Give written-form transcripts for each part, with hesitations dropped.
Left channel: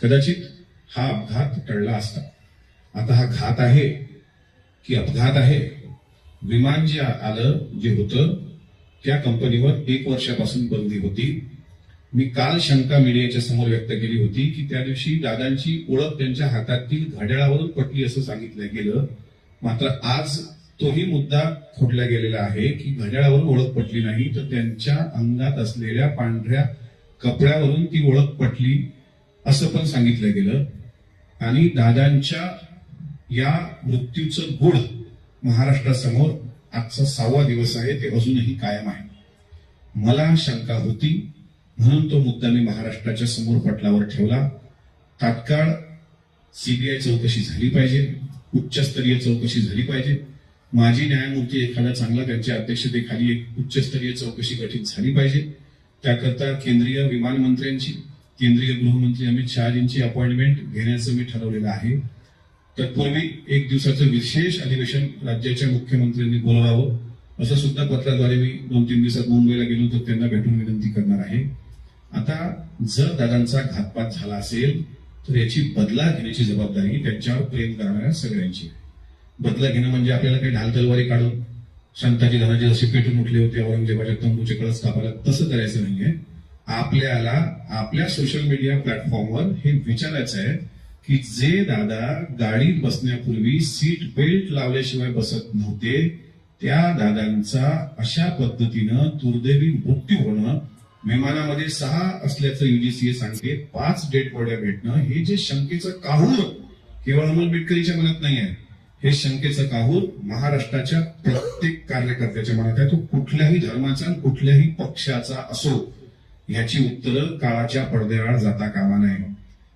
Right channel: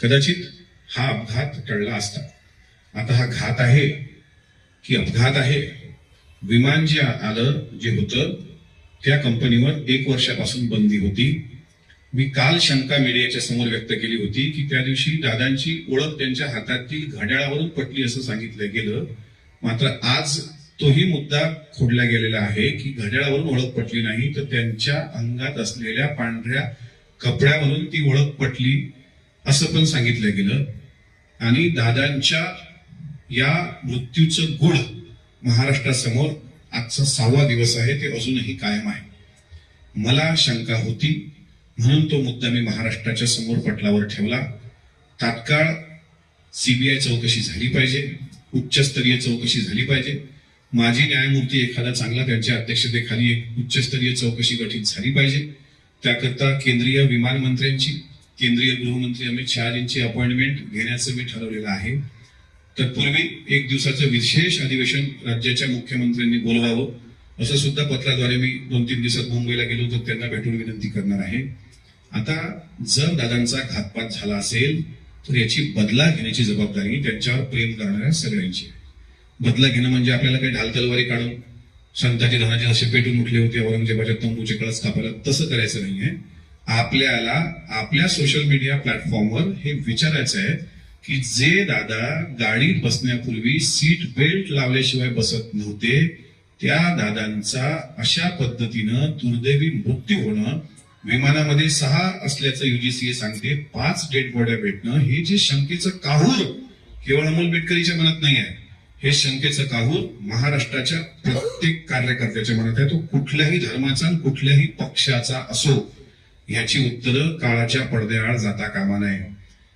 कदाचित हा अपघात टळला असता. आता हा घात आहे की अपघात आहे? विमान जे आलं जे होतं त्या कंपनीवर 1 वर्षापासून बंदी होती. मी काल शंका मीडियाच्या समोर व्यक्त केली होती की त्या दिवशी दादांची ओळख त्यांच्या हातातील घड्याळावरून पटली असं सांगितलं गेलं. मात्र आज तोही मुद्दा खोडला गेलेला आहे की घड्याळावरून ओळख पटली नाही, तर त्यांच्या अंगात असलेल्या पांढऱ्या कपड्यावरून ती ओळख पटली असं पण सांगितलं गेलं. आणि दादांच्या या मृत्यूचं गुढ महाराष्ट्रासमोर आजचा 6वा दिवस आहे, ते अजूनही कायम आहे. मला शंका होती म्हणून तो मुद्दा मी महाराष्ट्राच्या समोर पटलावर ठेवला. तात्काळ सीबीआय चौकशी झाली पाहिजे, उच्चस्तरीय चौकशी झाली पाहिजे. माजी न्यायमूर्ती एखादा चांगला त्यांच्या अध्यक्षतेखाली एक उच्चस्तरीय चौकशी गठीत झाली पाहिजे. त्याकरता केंद्रीय विमान मंत्र्यांची, केंद्रीय गृहमंत्री अमित शहाजींची अपॉइंटमेंट घेण्याचं मी ठरवलेलं आहे. तत्पूर्वी 1 दिवसाचं विशेष अधिवेशन राज्याच्या मुख्यमंत्र्यांनी बोलवावं असं सुद्धा पत्राद्वारे मी 2-3 दिवसात मुंबईला गेलो तर त्यांना भेटून विनंती करणार आहे. आता जर दादांचा घातपात झाला असेल तर याची बदला घेण्याची जबाबदारी त्यांच्यावर प्रेम करणाऱ्या सगळ्यांची आहे. बदला घेणं म्हणजे आपल्याला काही ढाल तलवारी काढून संताजी धनाजी जसे पेटून उठले होते औरंगजेबाच्या तंबूचे कळस कापायला तसं करायचं नाहीये. आपल्याला आपल्या सोशल मीडिया प्लॅटफॉर्मवर हे विचारायचं आहे की जे दादा गाडीत बसण्यापूर्वी सीट बेल्ट लावल्याशिवाय बसत नव्हते, त्या दादांचा अशा पद्धतीनं दुर्दैवी मृत्यू होणं, विमानामध्ये 6 असल्याचं UGCA सांगते, 5 डेड बॉड्या भेटणं, हे जे शंकेचं काहूर केवळ अमोल बेटकरीच्या मनात नाही आहे, हे शंकेचं काहूर महाराष्ट्राच्या प्रत्येक कार्यकर्त्याच्या मनात आहे. तो कुठल्याही धर्माचा कुठल्याही पक्षाचा असो, याची उत्तरं काळाच्या पडद्याआड जाता कामा नये.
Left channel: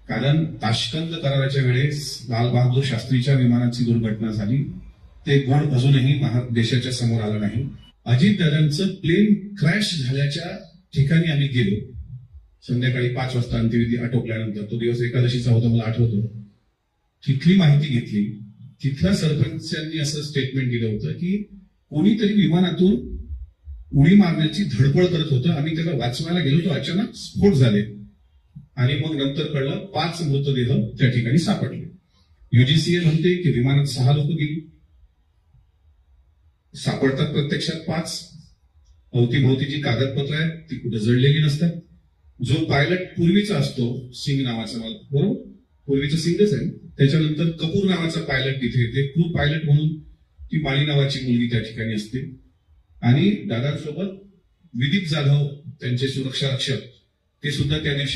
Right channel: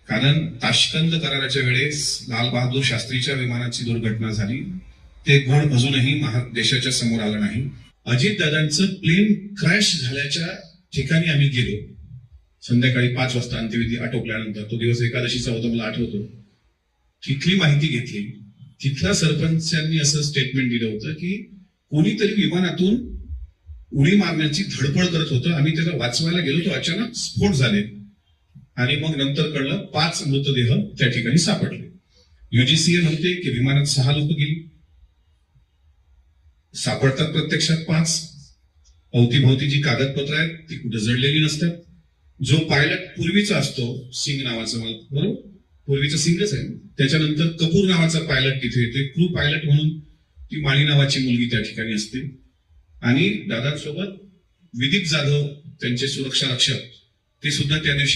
कारण ताश्कंद कराराच्या वेळेस लाल बहादूर शास्त्रीच्या विमानाची दुर्घटना झाली, ते गुण अजूनही देशाच्या समोर आलं नाही. अजितदादांचं प्लेन क्रॅश झाल्याच्या ठिकाणी आम्ही गेलो. संध्याकाळी 5 वाजता अंत्यविधी आटोपल्यानंतर, तो दिवस एकादशीचा होता मला आठवतो. तिथली माहिती घेतली. तिथल्या सरपंचांनी असं स्टेटमेंट दिलं होतं की कोणीतरी विमानातून उडी मारण्याची धडपड करत होतं, आम्ही त्याला वाचवायला गेलो तो अचानक स्फोट झाले आणि मग नंतर कळलं 5 मृतदेह त्या ठिकाणी सापडले. UGCA म्हणते की विमानात 6 लोक गेली, सापडतात प्रत्यक्षात 5. अवतीभोवती जी कागदपत्र आहेत ती कुठे जळलेली नसतात. जो पायलट पूर्वीचा असतो, सिंग नावाचा, मला बरोबर पूर्वीचा सिंगच आहे, त्याच्यानंतर कपूर नावाचा पायलट तिथे येते, क्रू पायलट म्हणून ती माळी नावाची मुलगी त्या ठिकाणी असते. आणि दादांसोबत विदीप जाधव त्यांचे सुरक्षा रक्षक ते सुद्धा त्या दिवशी